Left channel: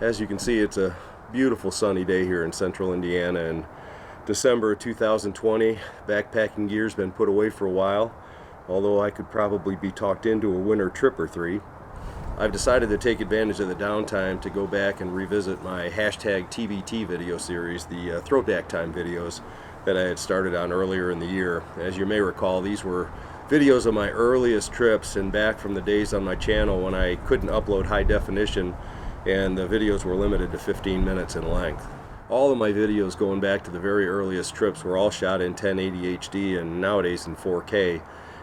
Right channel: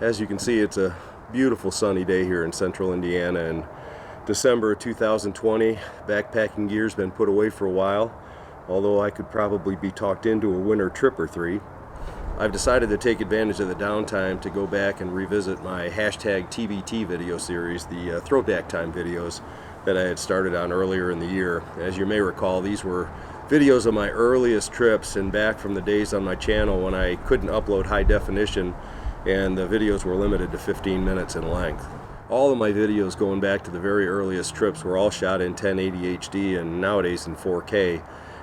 As you can see, it's a beautiful sunny day here in central Indiana in December of 2020. Backpacking gear's been put away for a while, although I could probably be talked into a winter trip or three. I've decided to take advantage of the downtime to go back and revisit my hashtag TBT video series, the throwback time videos that I had started on earlier in the year. As you may recall, these were videos of my earliest trips and back from the days on my channel when I couldn't upload high definition and the videos were limited to 15 minutes in length. All of my videos going back to the very earliest trips were all shot in 1080 HD and nowadays in 4K.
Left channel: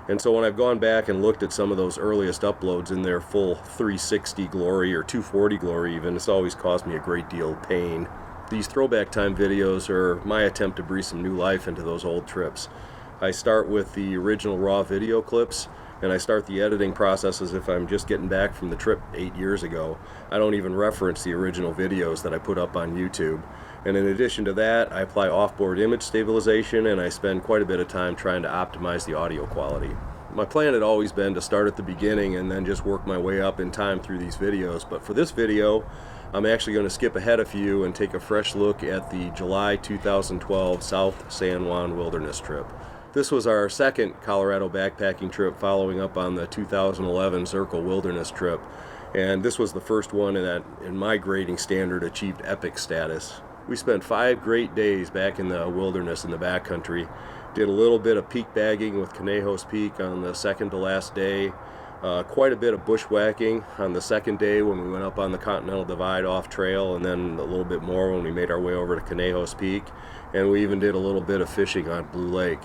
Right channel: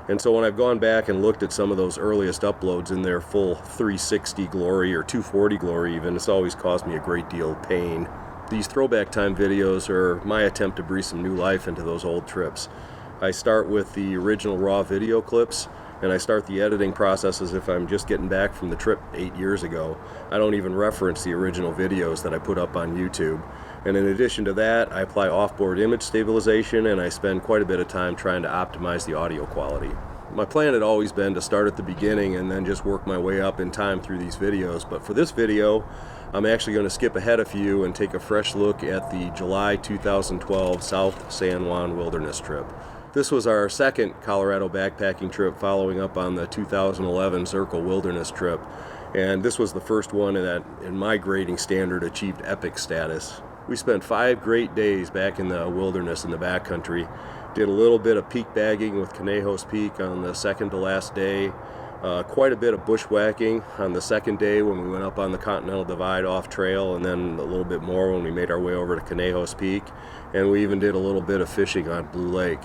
And so when I've gone back and looked at some of those earliest uploads in their full 360 glory or 240 glory even, it's always caused me a great deal of pain. These throwback time videos are my attempt to breathe some new life into those old trips. I start with the original raw video clips, and I start the editing process as if I'm just getting back from the trip 8 years ago. I don't even reference the original videos that I put up on YouTube. And in addition to that, I apply off-board image stabilization, and I spend quite a bit of time trying to optimize the audio quality. My plan had always been to start at the beginning and then just work my way up in time through these videos, but for this video, I'm actually going to skip ahead a few and take a fresh look at the July 2012 South San Juan Wilderness trip. This was our second Colorado backpacking trip following up on the 2011 Zirkel Wilderness trip, and this was the first one that, in my grading standard, achieved epic status. We spent 5 great days back in the wilderness in the backcountry, did a little bit of peak bagging with Conejos Peak on the second to last day, quite a bit of bushwhacking on the second day when we went up on the Continental Divide off trail, and then a little bit more when we made our way over to Conejos Peak, and we even did a little bit of fishing on Blue Lake.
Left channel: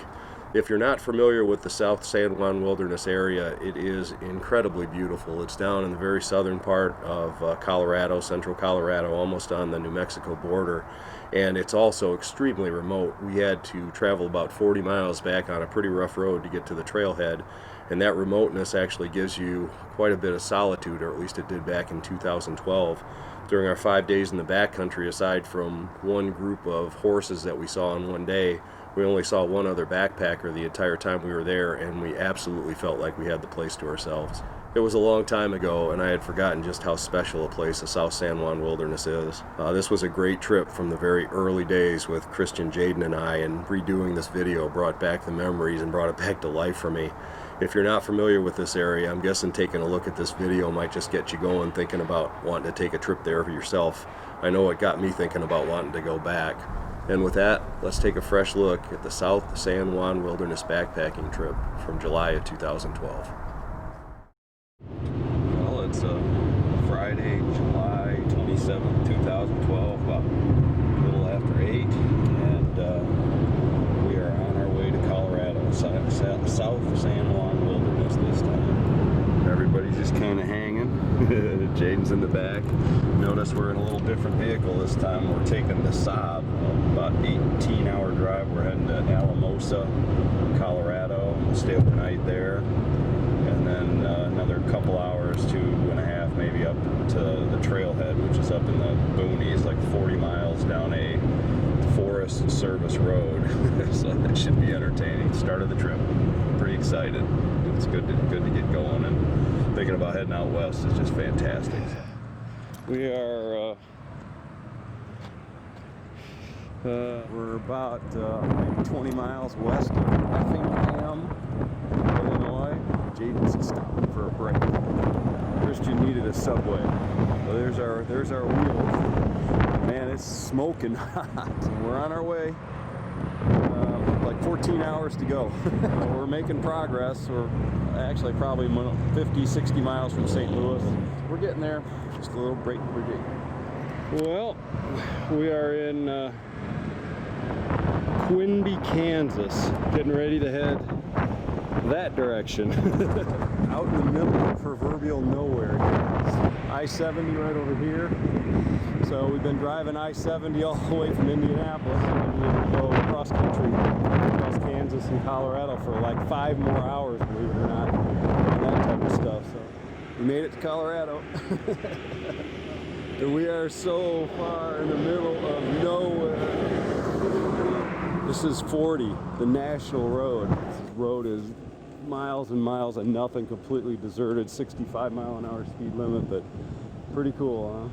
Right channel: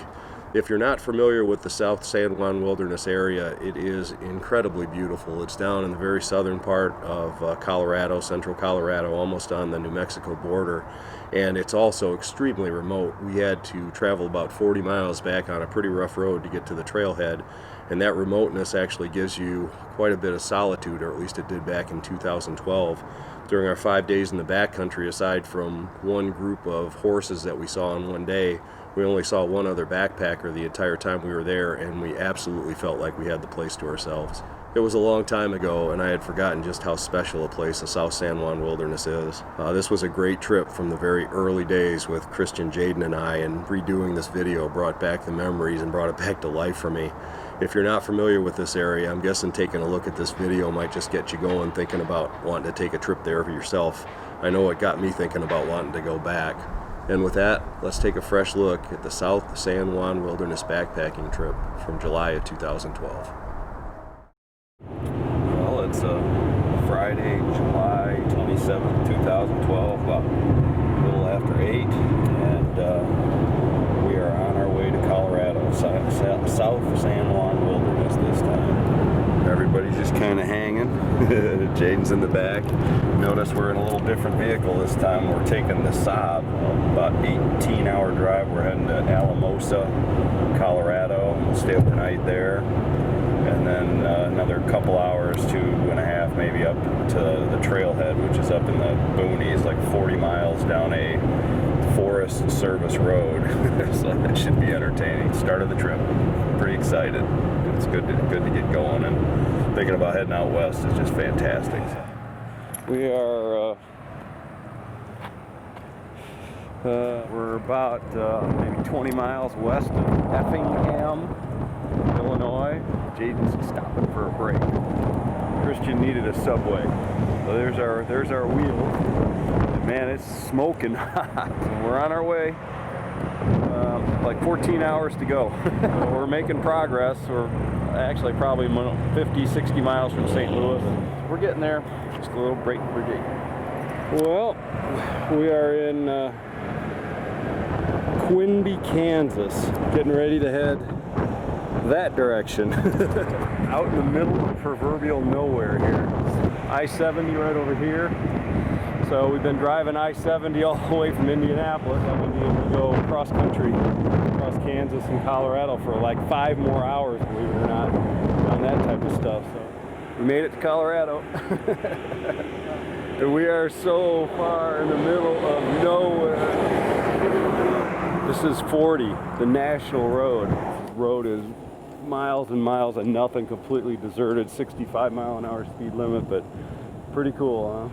If you're not familiar with the South San Juan Wilderness area, it is incredibly beautiful. It's down in the very southern part of Colorado, central Colorado, almost on the New Mexico border, and it's also extremely remote. We had to travel about 40 miles back on a pretty rough road to get to the trailhead, and that remoteness actually gives you quite a bit of solitude, or at least it did back in 2012. During our 5 days in the backcountry, aside from one group of horses that we saw on one day, we only saw one other backpacker the entire time we were there, and we absolutely felt like we had the place to ourselves. It was a long time ago, and I had forgotten just how special a place the South San Juan Wilderness is. This was a great trip from the very early days with Christian, Jaden, and I, and redoing this video brought back the memories and brought it back to life for me. If you're not familiar with this area, I'm guessing taking a look at this video might just get you going, thinking about wanting to take a trip there for yourself. I know it got me thinking about wanting to go back. And with that, let's take a fresh look at the South San Juan Wilderness backpacking trip from July of 2012. Well, it's Friday, July 27th, 2012, about a little after 8, and we are on our way to Colorado, South San Juan Wilderness this time. Everybody's just kind of hanging. Jaden's in the back. Notice we're in a little different vehicle this time. We're taking the Saab, about 18-hour drive. We're heading to Alamosa, Colorado. We'll stay overnight there, and then another couple hours, 2.5 maybe, up to the Trailhead, which is up in the boonies, like 40 miles down a Forest Service road. So that should be entertaining. Start of the trip. Pretty excited. It's good to get going, and thinking about heading out west is just fantastic. We are we're about maybe 20 miles west of Effingham, Illinois. Jaden's stopping for a break. Christian needed a Subway, so there's our wheels. Man, it's smoking hot. We're on our way. Like 14 hours to go. We're making progress. We're actually probably 50, 60 miles from St. Louis. We're getting there. Just a little break for Jaden. Well, we are in Quinby, Kansas, getting ready to head that direction. Out in the middle of proverbial nowhere here. I-70 right over here. So we've been driving I-70 all the way from Indianapolis. I'm going to be able to go cross country, across Kansas and Colorado for like 5 more hours, believe it or not, on that type of stuff. So we made it to Colorado. And we are so far in the middle of nowhere. This is 40, the national road. This road is miles and miles of nothing, completely deserted, 65 mile an hour speed limit, but pretty cool, huh?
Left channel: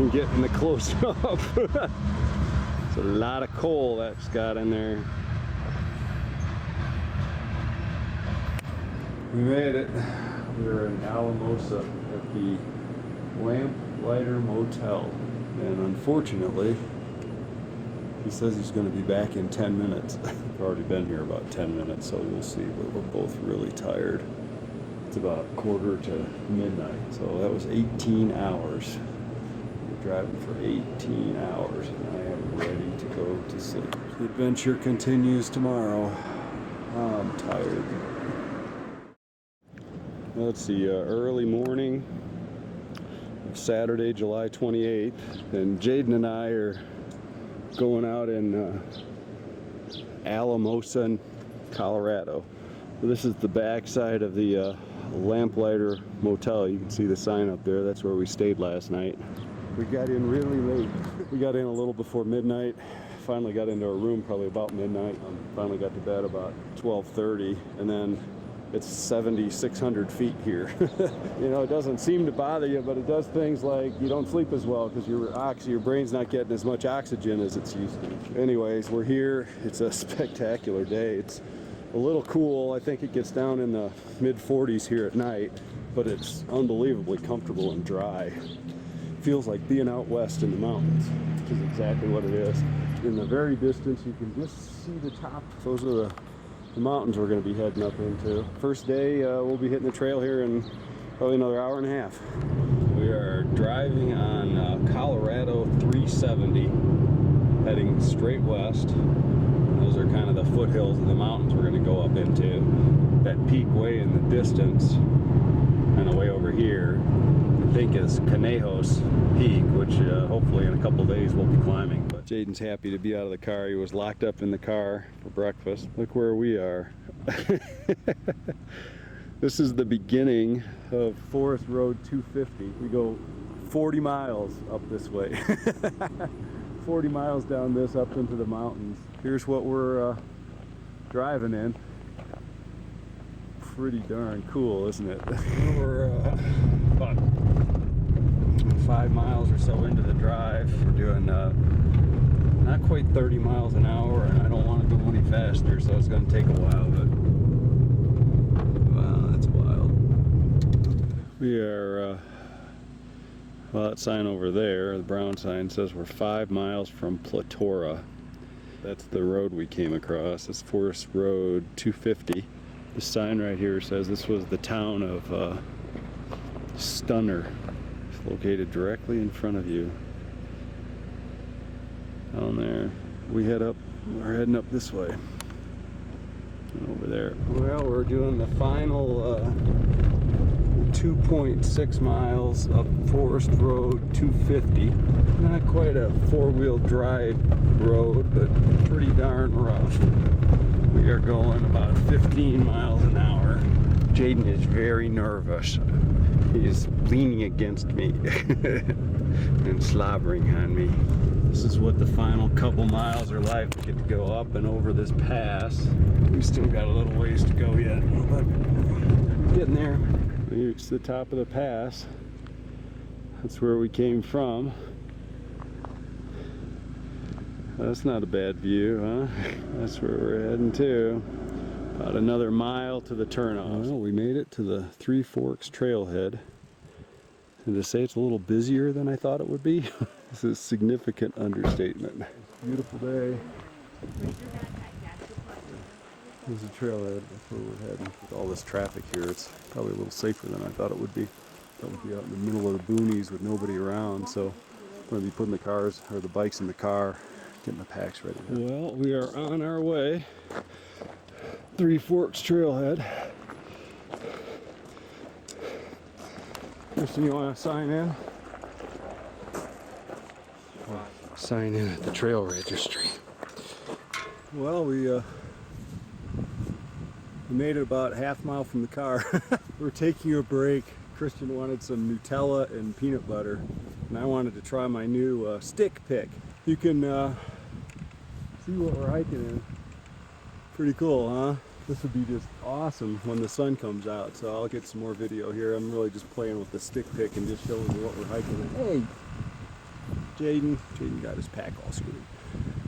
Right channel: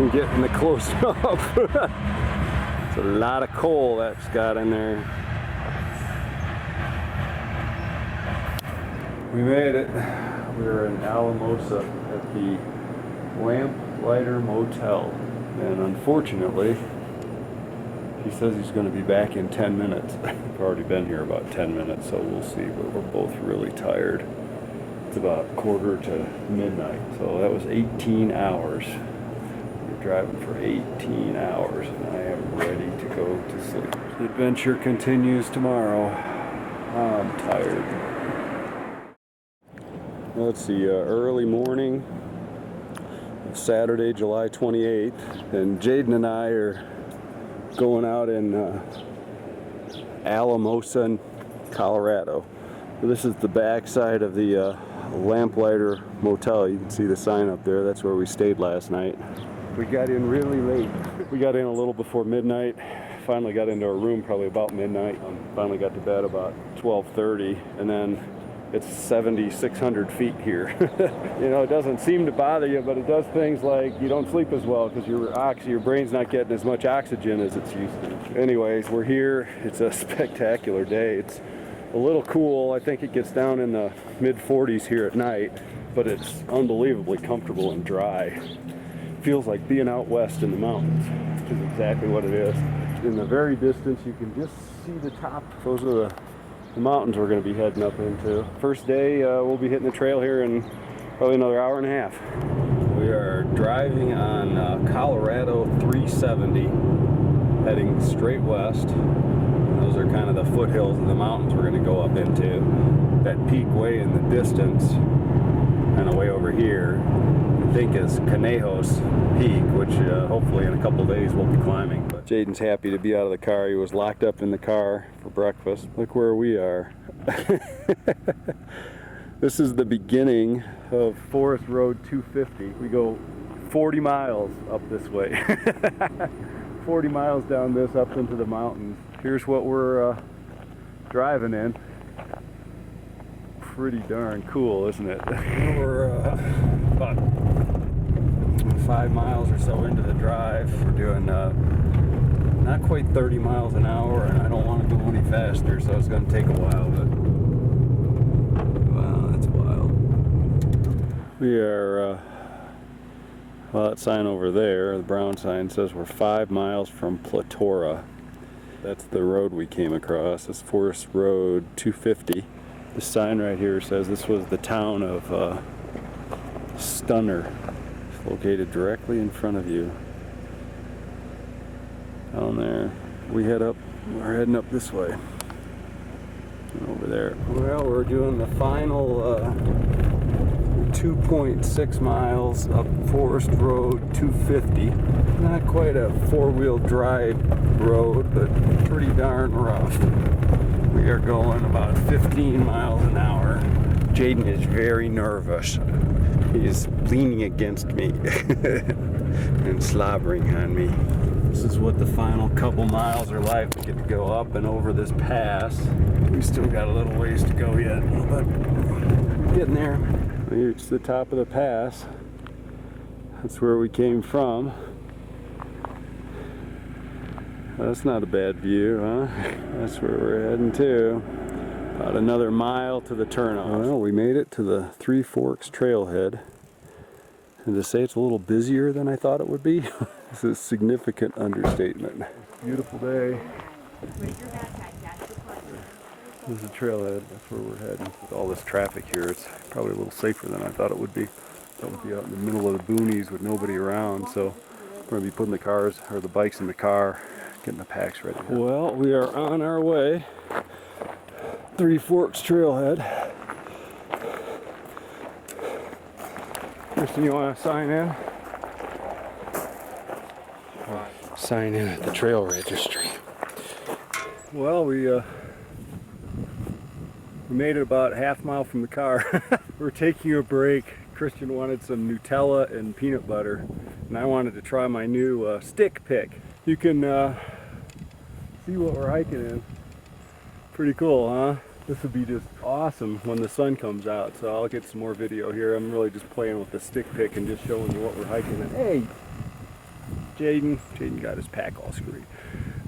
and getting the close up. It's a lot of coal that's got in there. We made it. We're in Alamosa at the Lamplighter Motel, and unfortunately he says he's going to be back in 10 minutes. We've already been here about 10 minutes, so we'll see, but we're both really tired. It's about 1:45 so that was 18 hours. We're driving for 18 hours, and I am ready to go to sleep. The adventure continues tomorrow. I'm tired. Let's see, early morning of Saturday, July 28th, and Jaden and I are going out in Alamosa, Colorado. This is the backside of the Lamplighter Motel. You can see the sign up there. That's where we stayed last night. We got in really late. We got in a little before midnight. Finally got into our room probably about midnight. Finally got to bed about 12:30, and then it's 7,600 feet here. You know, it doesn't seem to bother you, but it does things like you don't sleep as well because your brain's not getting as much oxygen as it's used to. Anyways, we're here. It's a spectacular day. It's a little cool. I think it gets down in the mid-40s here at night, but it's unbelievably comfortable and dry. Feels like being out west in the mountains, which is exactly what it is. In the very distance, you can just see the top. Those are the mountains we're going to be heading up into. First day, we'll be hitting the trail here in probably another hour and a half. We are driving on Colorado 370, heading straight west. Those are kind of the foothills of the mountains we're going to go up into. That peak way in the distance, kind of way over here, I think is Conejos Peak, which hopefully in a couple days we'll be climbing. But Jaden's happy to be out of the car. He was locked up in the car for breakfast. Look where we are. This is the beginning of Forest Road 250. We go 40 miles up this way. 40 miles down this up into the mountains. Here's what we're driving in. Pretty darn cool, isn't it? We're about 5 miles or so into the drive. We're doing not quite 30 miles an hour, and I don't want to go any faster, so it's going to take a while, but wow, that's wild. We are well, that sign over there, the brown sign, says we're 5 miles from Platora. That's the road we came across. It's Forest Road 250. The sign right here says this was the town of Stunner. It's located directly in front of you. Down there. We're heading up this way. And over there. Well, we're doing the final 2.6 miles up Forest Road 250. Not quite a four-wheel drive road, but pretty darn rough. We are going about 15 miles an hour. Jaden is very nervous. He is leaning against me and slobbering on me. This is what the final couple miles are like. We get to go up and over this pass. We still got a little ways to go yet, but we're getting there. We reached the top of the pass. That's where we came from. That's not a bad view, huh? That's where we're heading to. About another mile to the turnoff. Well, we made it to the Three Forks Trailhead. And to say it's a little busier than I thought it would be, is a significant understatement. Beautiful day. This is the trailhead. That's where we're heading. With all this traffic here, it's probably a little safer than I thought it would be. That would be out in the middle of the boonies with nobody around. So we're going to be putting the cars or the bikes in the car, getting the packs ready. Well, we are on our way. Three Forks Trailhead. Kristen, you want to sign in? Or sign in at the trail registry. Well, we made it about half mile from the car. We're taking a break. Christian wanted some Nutella and peanut butter, and I wanted to try my new stick pick. You can see what we're hiking in. Pretty cool, huh? This would be just awesome when the sun comes out, so I'll get some more video here. I'm really just playing with the stick pick and just showing you what we're hiking in. Hey, Jaden got his pack all screwed.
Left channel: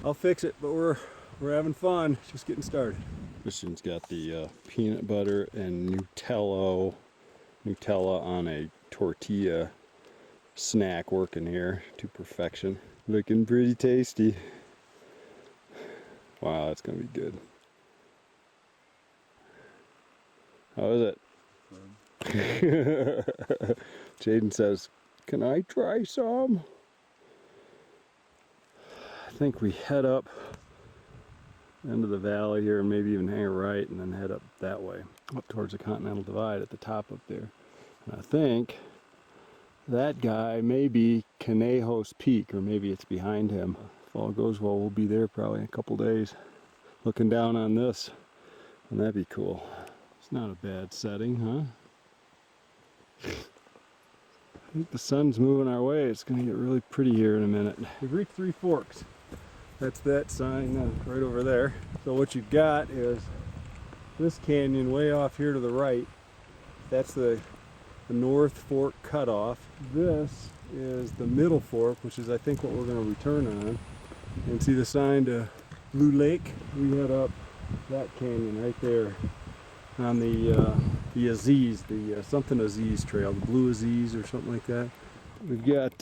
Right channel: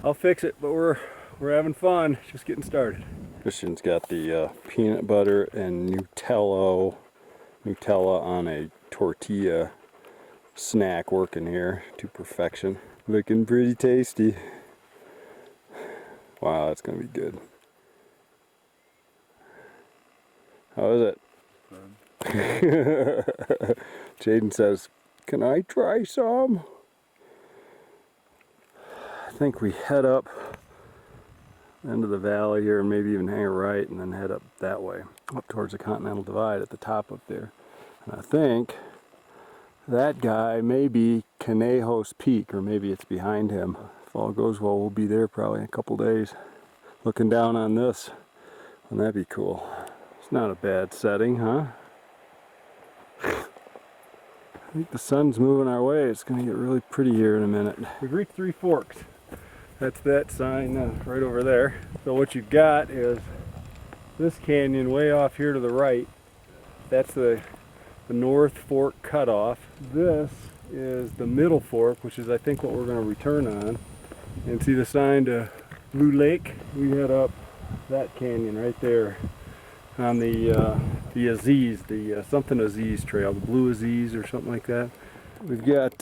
I'll fix it, but we're having fun, just getting started. Christian's got the peanut butter and Nutella on a tortilla snack working here to perfection. Looking pretty tasty. Wow, that's gonna be good. How is it? Jaden says, "Can I try some?" I think we head up into the valley here and maybe even hang a right and then head up that way, up towards the Continental Divide at the top up there. And I think that guy may be Conejos Peak, or maybe it's behind him. If all goes well, we'll be there probably in a couple days. Looking down on this, wouldn't that be cool? It's not a bad setting, huh? I think the sun's moving our way. It's going to get really pretty here in a minute. We've reached Three Forks. That's that sign right over there. So what you've got is this canyon way off here to the right. That's the North Fork cutoff. This is the Middle Fork, which is I think what we're going to return on. And see the sign to Blue Lake? We head up that canyon right there on the Aziz, the something Aziz trail, the Blue Aziz or something like that. We've got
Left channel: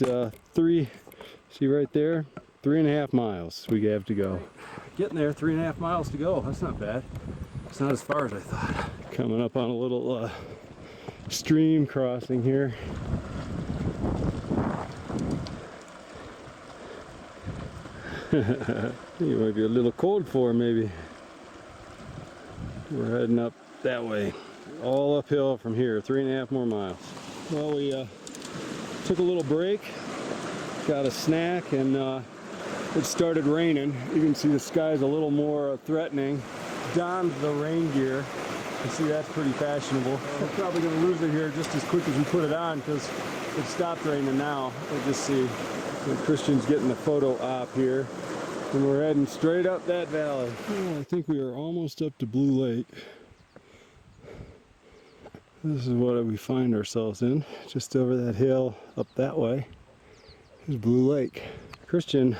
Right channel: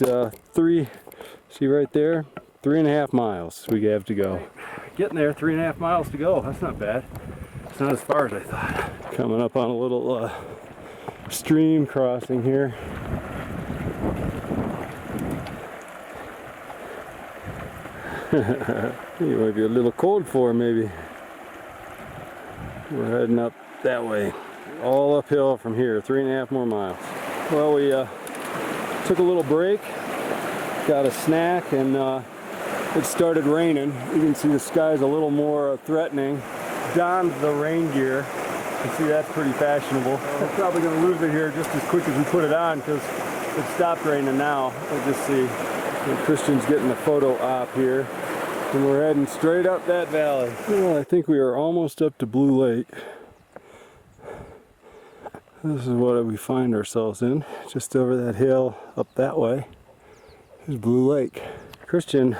see right there, 3.5 miles we have to go. Getting there, 3.5 miles to go. That's not bad. It's not as far as I thought. Coming up on a little stream crossing here. You might be a little cold for maybe. We're heading up that way, all uphill from here, 3.5 more miles. Well, we took a little break, got a snack, and it started raining. You can see the sky's a little more threatening. Donned the rain gear. You can see that's pretty fashionable. We're probably going to lose it here just as quick as we put it on because it stopped raining now. We'll just see. And Christian's getting a photo op here. And we're heading straight up that valley. Well, I think we are almost up to Blue Lake. This is what we find ourselves in. Just over that hill up that way is Blue Lake. Christian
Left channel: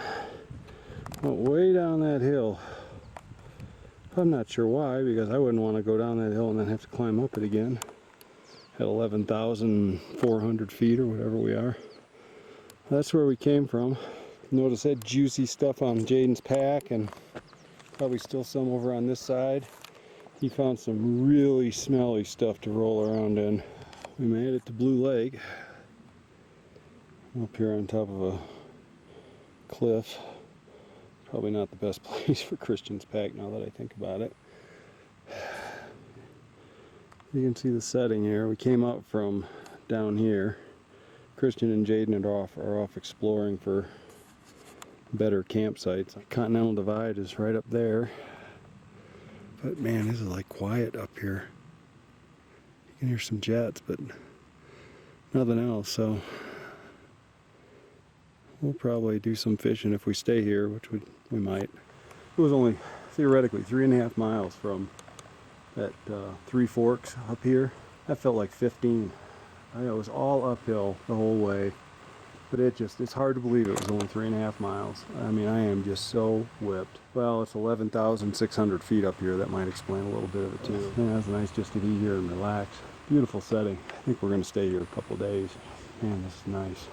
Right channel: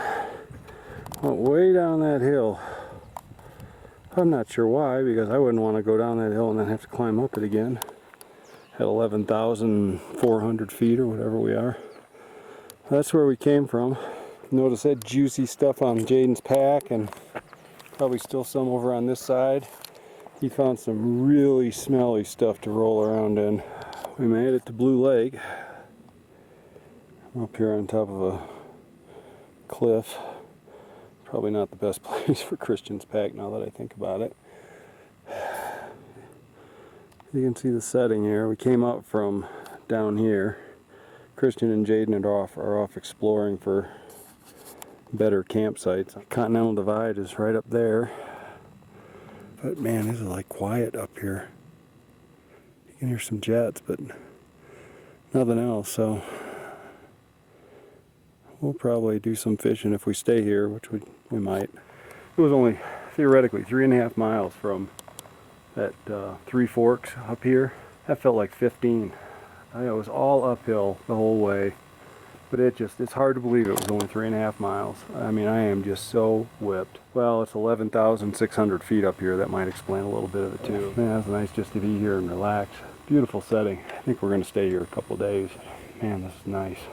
went way down that hill. I'm not sure why, because I wouldn't want to go down that hill and then have to climb up it again at 11,400 feet or whatever we are. That's where we came from. Notice that juicy stuff on Jaden's pack, and probably still some over on this side. He found some really smelly stuff to roll around in. We made it to Blue Lake. I'm up here on top of a cliff. Probably not the best place for Christian's pack now that I think about it. You can see the setting here. We came up from down here. Christian and Jaden are off exploring for better campsites. Continental Divide is right up there. But man, this is like quiet up here. You can hear some jets, but nothing else. So we'll probably do some fishing if we stay here, which we might. It was only theoretically 3.5 miles from that Three Forks up here. That felt like 15. It was all uphill the whole way. But it's hard to believe it was only 3.5 miles. I mean, I am just so whipped. Well, it's 11,600 feet up here. That might explain a little bit of it too. Man, it's nice just to be here and relax. Beautiful setting. I think we're going to stay here a couple of days. Man, this is nice.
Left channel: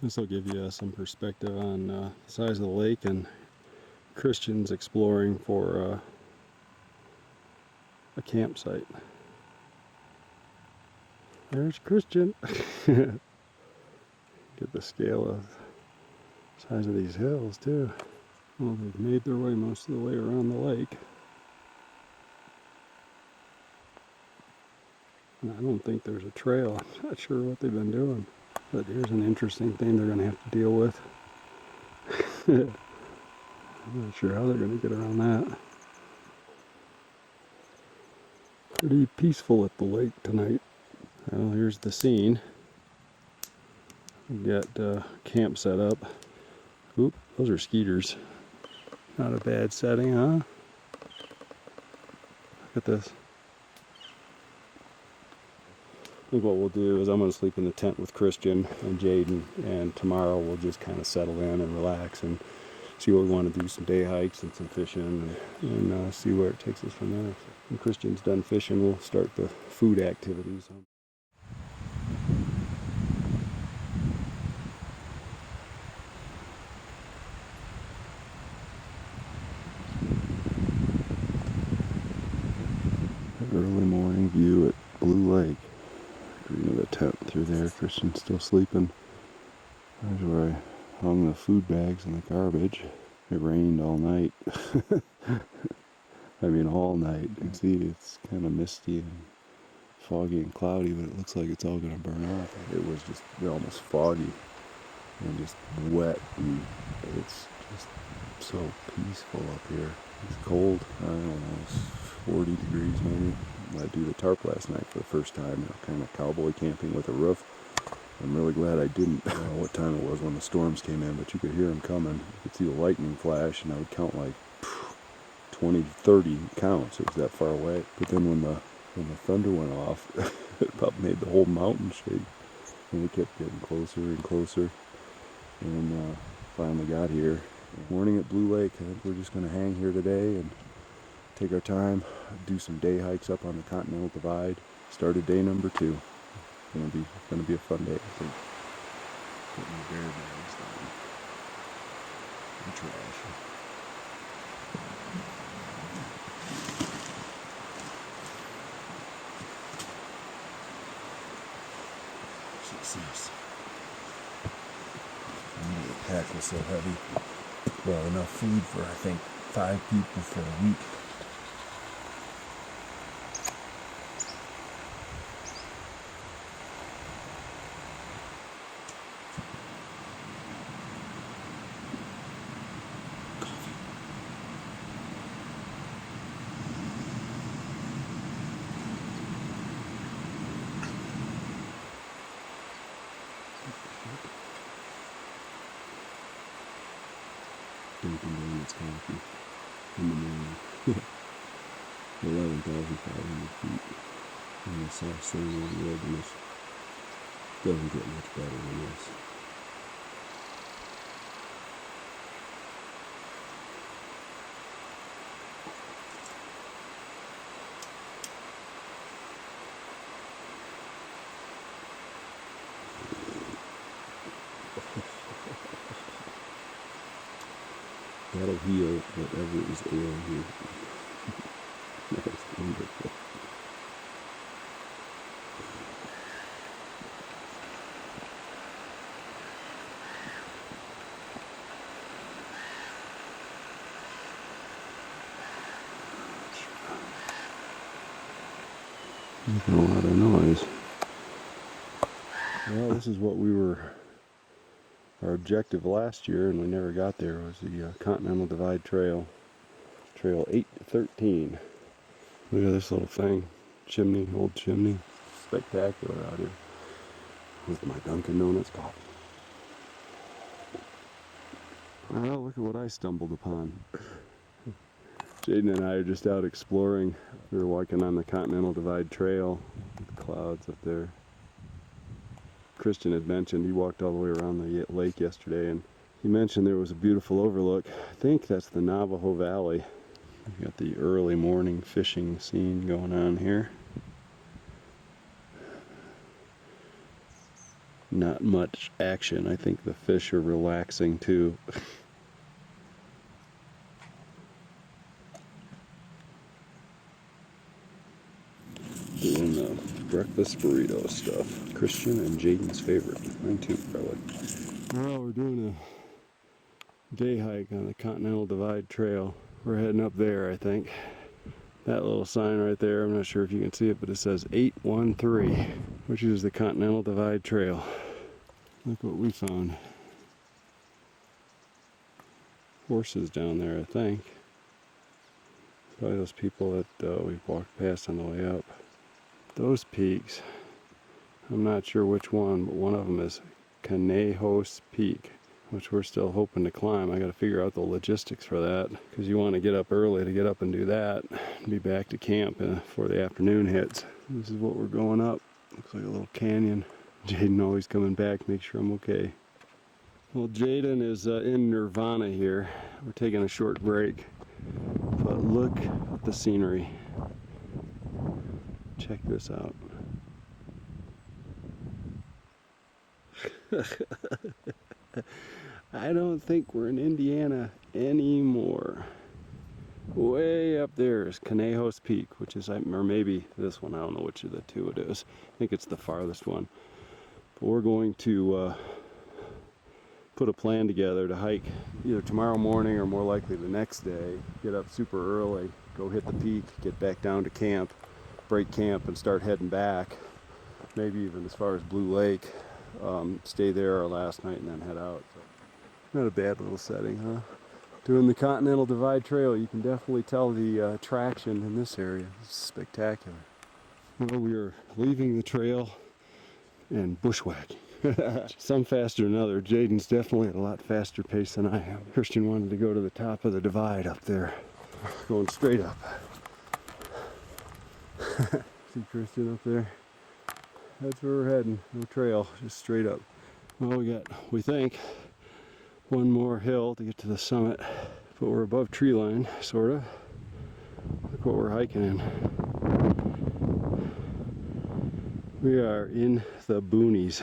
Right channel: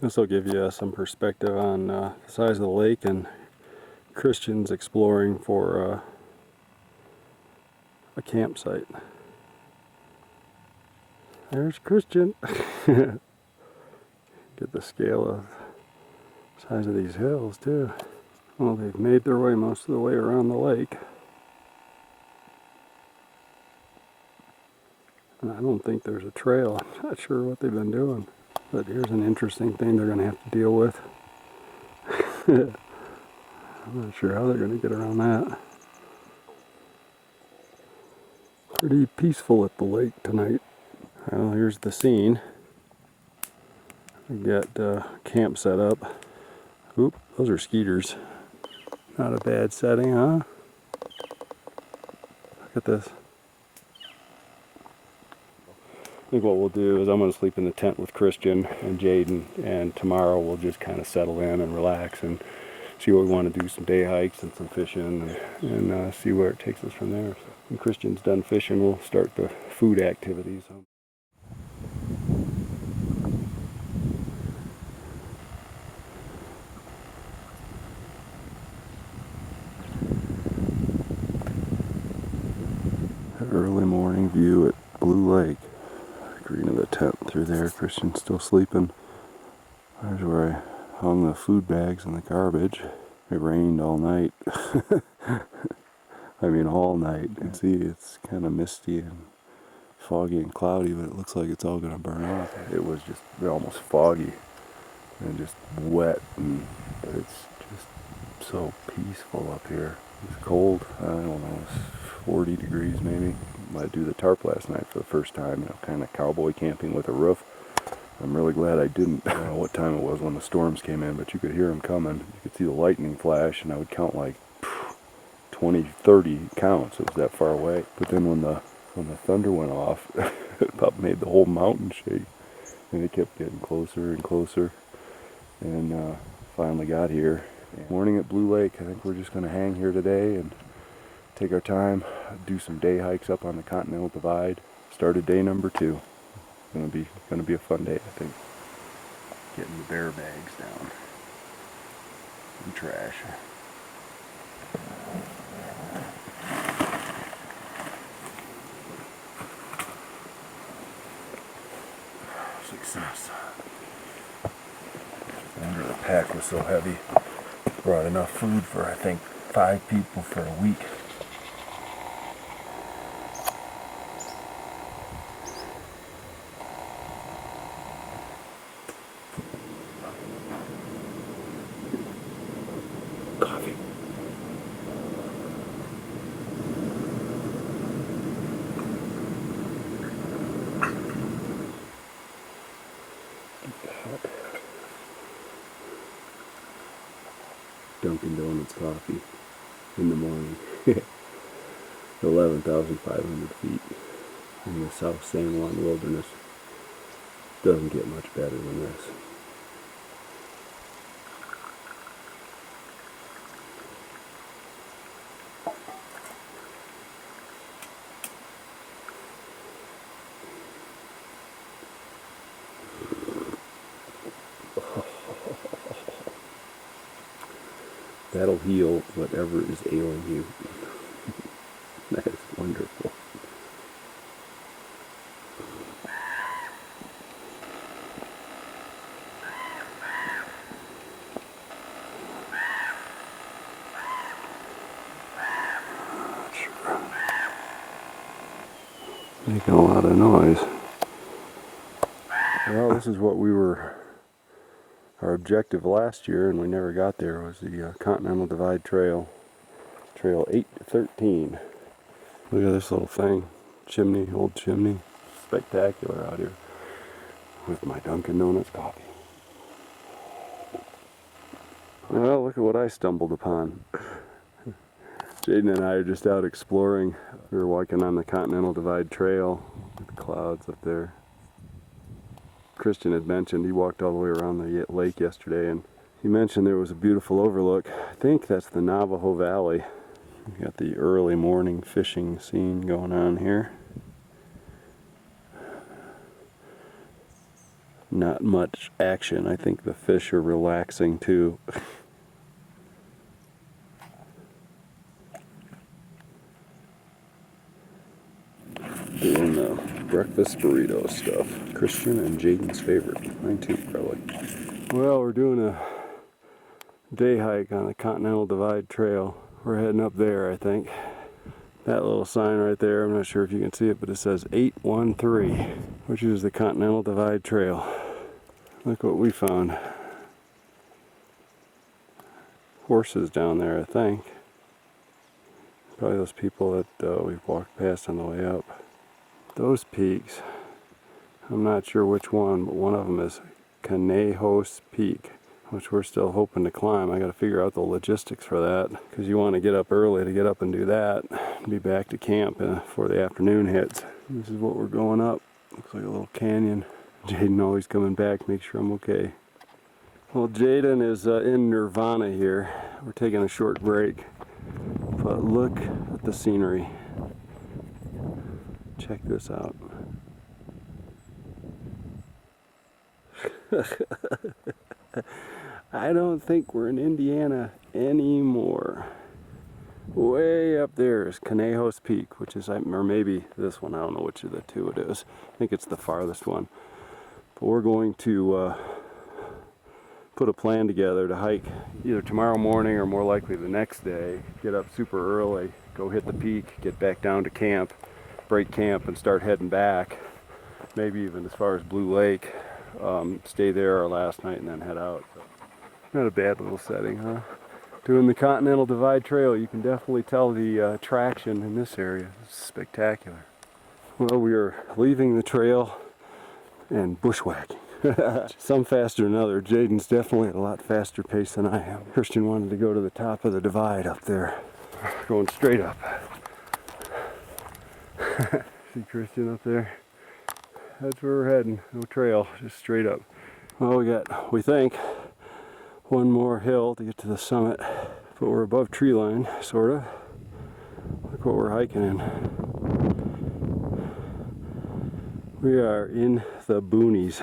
This will give you some perspective on the size of the lake and Christians exploring for a campsite. There's Christian. Get the scale of size of these hills too. Well, they've made their way most of the way around the lake. And I don't think there's a trail. I'm not sure what they've been doing. But here's an interesting thing they're going to have to deal with. I'm not sure how they're going to get around that. Pretty peaceful at the lake tonight. Well, here's the scene. We got camp set up. Oop, those are skeeters. Not a bad setting, huh? Look at this. I think what we'll do is I'm going to sleep in the tent with Christian and Jaden, and tomorrow we'll just kind of settle in and relax and see what we want to do, some day hikes and some fishing, and see where it takes us from there. When Christian's done fishing, we'll start the food activities. Early morning view at Blue Lake. Green of the tent through there. Christian's still sleeping. There's where I hung the food bags and the garbage. It rained all night. I mean all night. You can see it's kind of misty and foggy and cloudy, but it looks like it's all going to burn off. It was just almost foggy and just wet, but it's just so peaceful up here. It's cold. I don't know, it's 40 degrees maybe. I do the tarp last night for the first time, you know, kind of cowboy camping with a roof. I'm really glad I didn't. I don't know what time it was when the storms came in, but you could hear them coming. You could see the lightning flash, and I would count like 20, 30 counts. It was that far away. But then when the thunder went off, it about made the whole mountain shake, and it kept getting closer and closer. And finally got here. Morning at Blue Lake. I think we're just going to hang here today and take our time, do some day hikes up on the Continental Divide. Started day number 2. It's gonna be a fun day, I think. Getting the bear bags down and trash. Success. I wonder the pack was so heavy. Brought enough food for I think 5 people for a week. Coffee. Dunkin' Donuts coffee in the morning. 11,500 feet in the South San Juan Wilderness. Doesn't get much better than this. That'll heal whatever is ailing you. That is wonderful. Making a lot of noise. Well, this is what our objective last year, and we never got there, was the Continental Divide Trail, Trail 8 to 13. Look at this little thing, chimney, old chimney. Spectacular out here with my Dunkin' Donuts coffee. Well, look at what I stumbled upon. Jaden and I are just out exploring. We were walking on the Continental Divide Trail with the clouds up there. Christian had mentioned he walked all the way around the lake yesterday, and he mentioned there was a beautiful overlook. I think that's the Navajo Valley. We got the early morning fishing scene going on here. Not much action. I think the fish are relaxing too. Doing the breakfast burrito stuff. Christian and Jaden's favorite. Mine too, probably. Well, we're doing a day hike on the Continental Divide Trail. We're heading up there, I think. That little sign right there, I'm not sure if you can see it, but it says 813, which is the Continental Divide Trail. Look what we found. Horses down there, I think. Probably those people that we've walked past on the way up. Those peaks, I'm not sure which one, but one of them is Conejos Peak. which we're still hoping to climb. I got to figure out the logistics for that, because you want to get up early to get up and do that and be back to camp before the afternoon hits. This is what we're going up. Looks like a little canyon. Jaden always coming back, make sure I'm okay. Well, Jaden is in nirvana here. We're taking a short break, but look at the scenery. Check this out. I don't think we're in Indiana anymore. Way up there is Conejos Peak, which is, or maybe this one, I don't know which of the two it is. I think it's the farthest one. But we're going to put a plan together to hike either tomorrow morning or more likely the next day. Get up super early, go hit the peak, get back down to camp, break camp and start heading back. Maybe even as far as Blue Lake. Stay there our last night and then head out. So, not a bad little setting, huh? Doing the Continental Divide trail, you can definitely tell the traction in this area. It's spectacular. Well, we are leaving the trail and bushwhacking. Some faster than others. Jaden's definitely at a lot faster pace than I am. Christian wanted to go to the top of the divide up there. Going straight up. See Christian up there? That's where we're heading. No trail, just straight up. Well, we think, one more hill to get to the summit, but we're above tree line, sort of. Look what we're hiking in. We are in the boonies.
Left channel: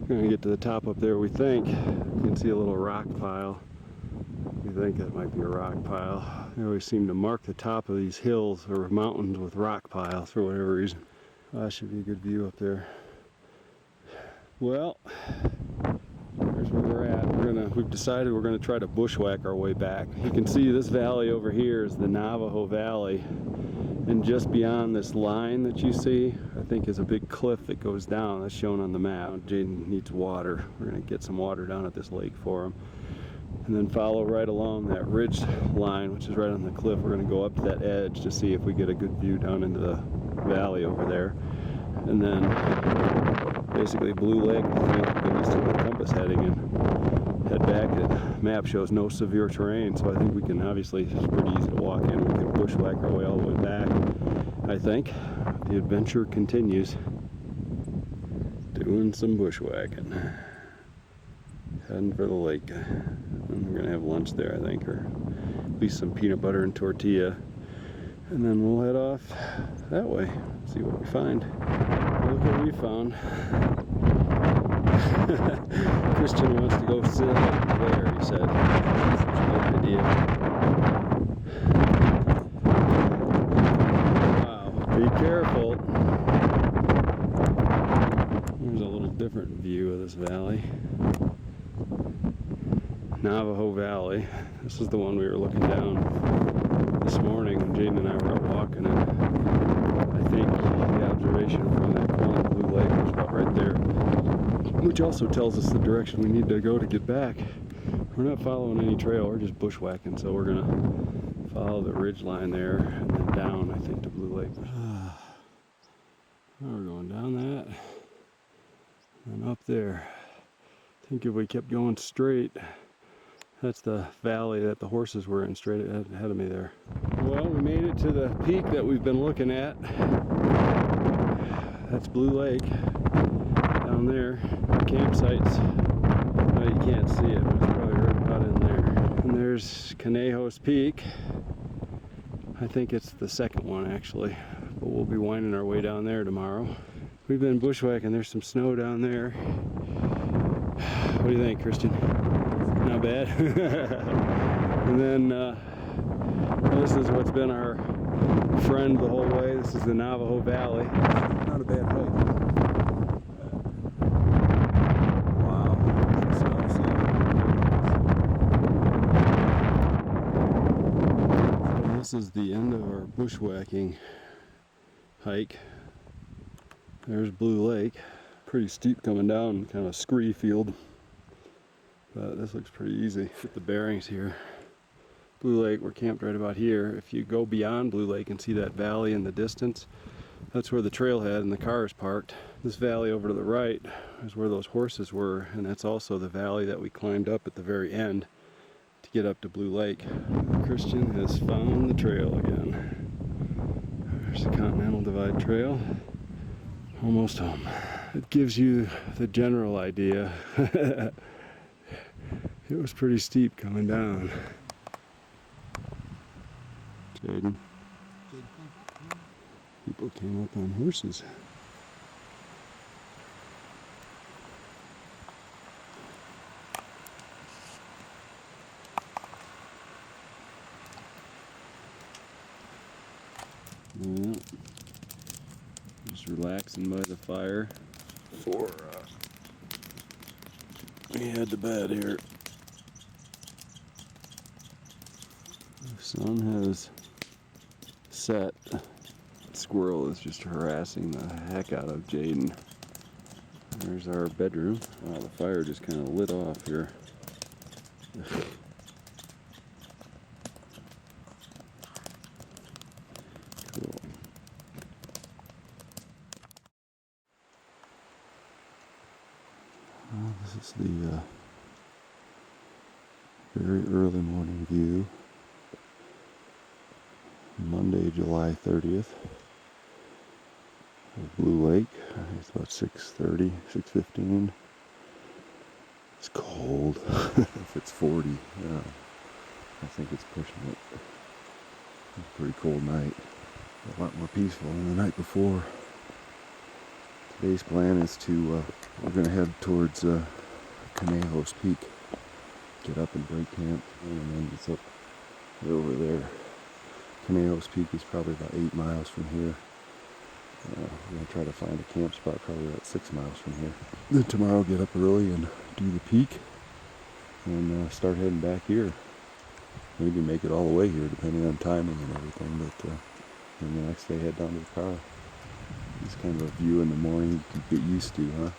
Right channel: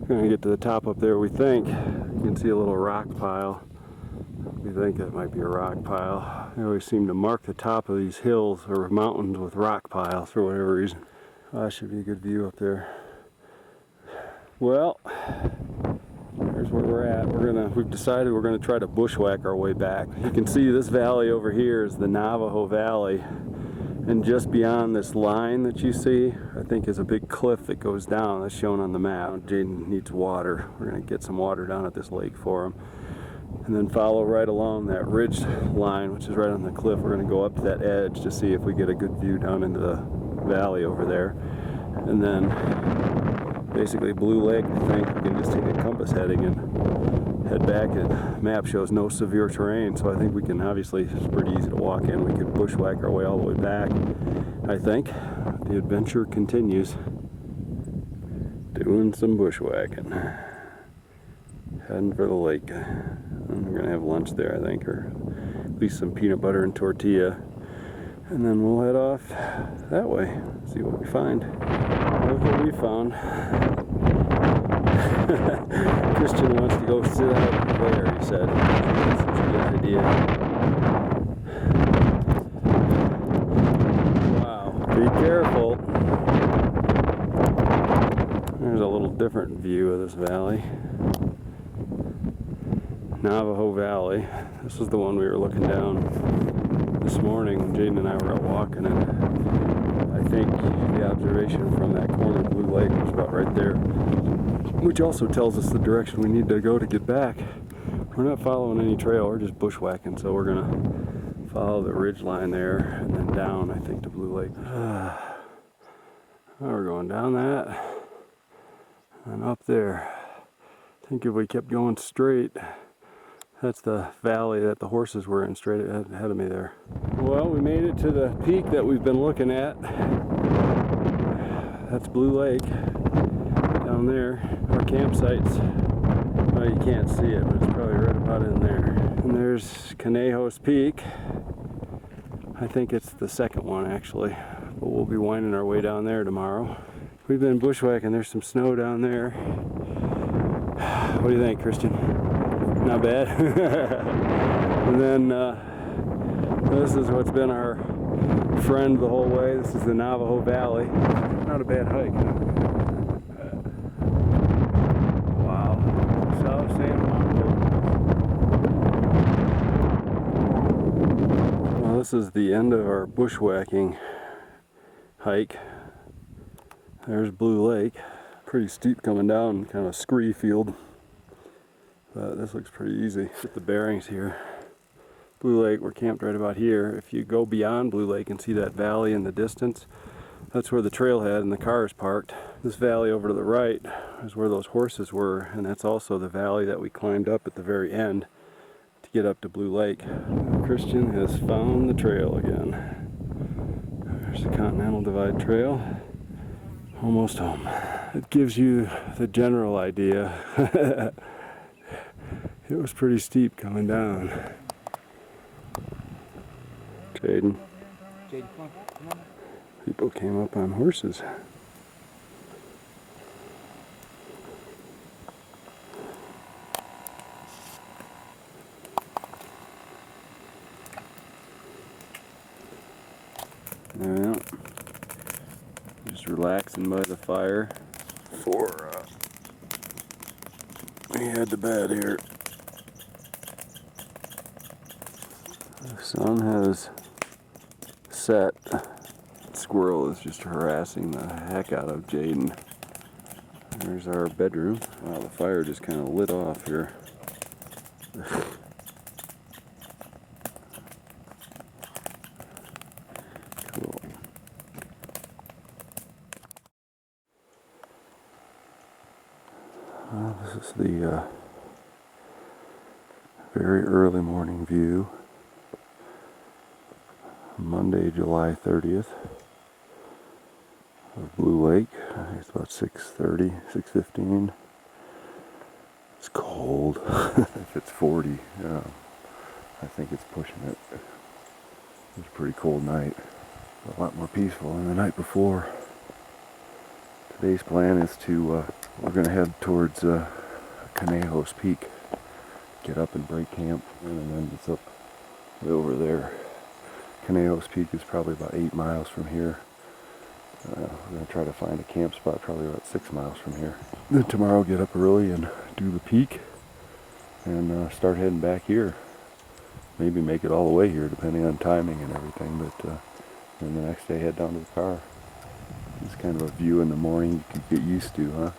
We're gonna get to the top up there, we think. You can see a little rock pile. We think that might be a rock pile. They always seem to mark the top of these hills or mountains with rock piles for whatever reason. That should be a good view up there. Well, here's where we're at. We've decided we're gonna try to bushwhack our way back. You can see this valley over here is the Navajo Valley. And just beyond this line that you see, I think is a big cliff that goes down. That's shown on the map. Jaden needs water. We're gonna get some water down at this lake for him. And then follow right along that ridge line, which is right on the cliff. We're gonna go up to that edge to see if we get a good view down into the valley over there. And then basically Blue Lake, I think we can just take a compass heading and head back. The map shows no severe terrain, so I think we can, obviously it's pretty easy to walk in. We could bushwhack our way all the way back. I think the adventure continues. Doing some bushwhacking. Heading for the lake. And we're gonna have lunch there, I think, or at least some peanut butter and tortilla. And then we'll head off that way, see what we find. Look what we found. Christian wants to go sit out there, he said. That's such a good idea. Wow, be careful. There's a little different view of this valley. Navajo Valley. This is the one we were looking down this morning when Jaden and I were out walking, and I think the observation from that corner of Blue Lake was about right there, which also tells us the direction we need to go to get back. We're not following any trail, we're just bushwhacking, so we're gonna follow the ridge line there and then down, I think, to Blue Lake. Now we're going down that and up there. I think if we kept going straight, that's the valley that the horses were in, straight ahead of me there. Well, we made it to the peak that we've been looking at. That's Blue Lake down there. Our campsite's, well, you can't see it, but it's probably right about in there. And there's Conejos Peak. I think it's the second one, actually. But we'll be winding our way down there tomorrow. We've been bushwhacking. There's some snow down there. What do you think, Christian? Not bad. And then this is what's been our friend the whole way. This is the Navajo Valley. Not a bad hike. Wow. South San Juan Wilderness. Well, this is the end of our bushwhacking hike. There's Blue Lake. Pretty steep coming down, kind of scree field. But this looks pretty easy. Get the bearings here. Blue Lake, we're camped right about here. If you go beyond Blue Lake and see that valley in the distance, That's where the trailhead and the car is parked. This valley over to the right is where those horses were, and that's also the valley that we climbed up at the very end to get up to Blue Lake. Christian has found the trail again. There's the Continental Divide trail. Almost home. It gives you the general idea. It was pretty steep coming down. Jaden. Jaden, come on. People came up on horses. Yeah. Just relaxing by the fire before we head to bed here. The sun has set. Squirrel is just harassing the heck out of Jaden. There's our bedroom. Wow, the fire just kind of lit off here. Cool. Well, this is the very early morning view. Monday, July 30th. Of Blue Lake. I think it's about 6:30, 6:15. It's cold. If it's 40, I think it's pushing it. It's a pretty cold night. A lot more peaceful than the night before. Today's plan is to, we're going to head towards Conejos Peak. Get up and break camp, and then it's up way over there. Conejos Peak is probably about 8 miles from here. We're going to try to find a camp spot probably about 6 miles from here. Then tomorrow get up early and do the peak and start heading back here. Maybe make it all the way here depending on timing and everything, but then the next day head down to the car. It's kind of a view in the morning you can get used to, huh?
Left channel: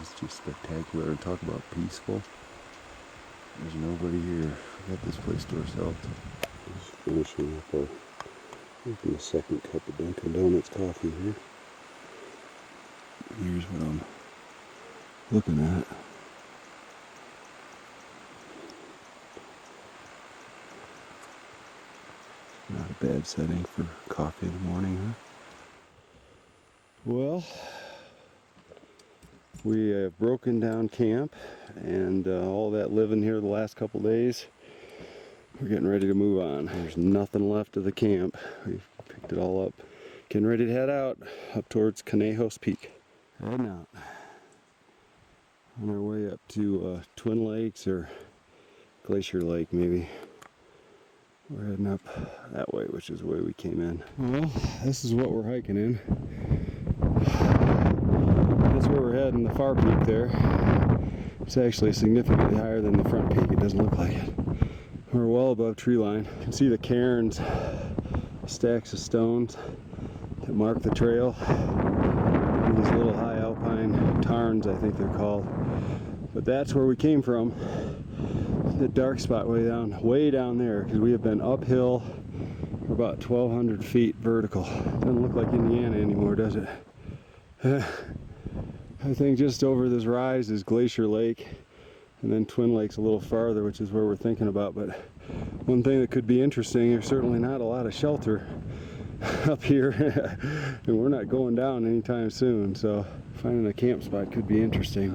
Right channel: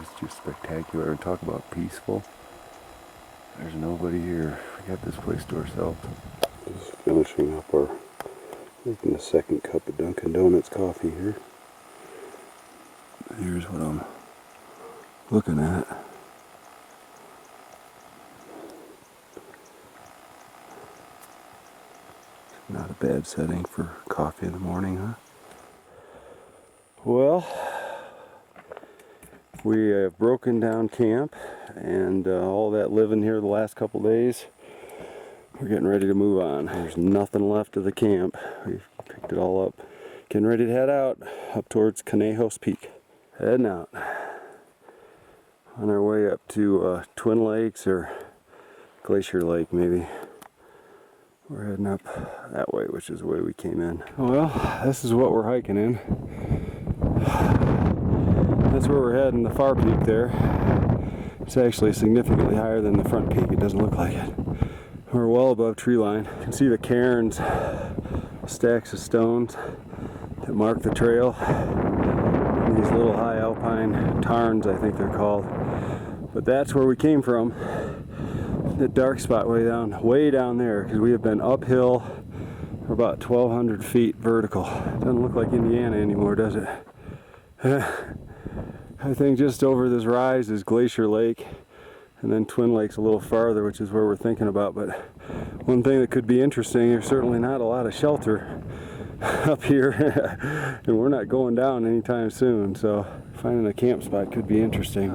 It's just spectacular, and talk about peaceful. There's nobody here. We got this place to ourselves. Just finishing up our, making the second cup of Dunkin' Donuts coffee here. Here's what I'm looking at. Not a bad setting for coffee in the morning, huh? Well, we have broken down camp and all that living here the last couple days. We're getting ready to move on. There's nothing left of the camp. We've picked it all up. Getting ready to head out up towards Conejos Peak. Heading out. On our way up to Twin Lakes or Glacier Lake maybe. We're heading up that way, which is the way we came in. Well, this is what we're hiking in. That's where we're heading, the far peak there. It's actually significantly higher than the front peak. It doesn't look like it. We're well above tree line. You can see the cairns, stacks of stones that mark the trail. These little high alpine tarns, I think they're called. But that's where we came from. The dark spot way down there, because we have been uphill for about 1,200 feet vertical. Doesn't look like Indiana anymore, does it? I think just over this rise is Glacier Lake, and then Twin Lakes a little farther, which is where we're thinking about. But one thing that could be interesting, there's certainly not a lot of shelter up here, and we're not going down anytime soon, so finding a camp spot could be interesting.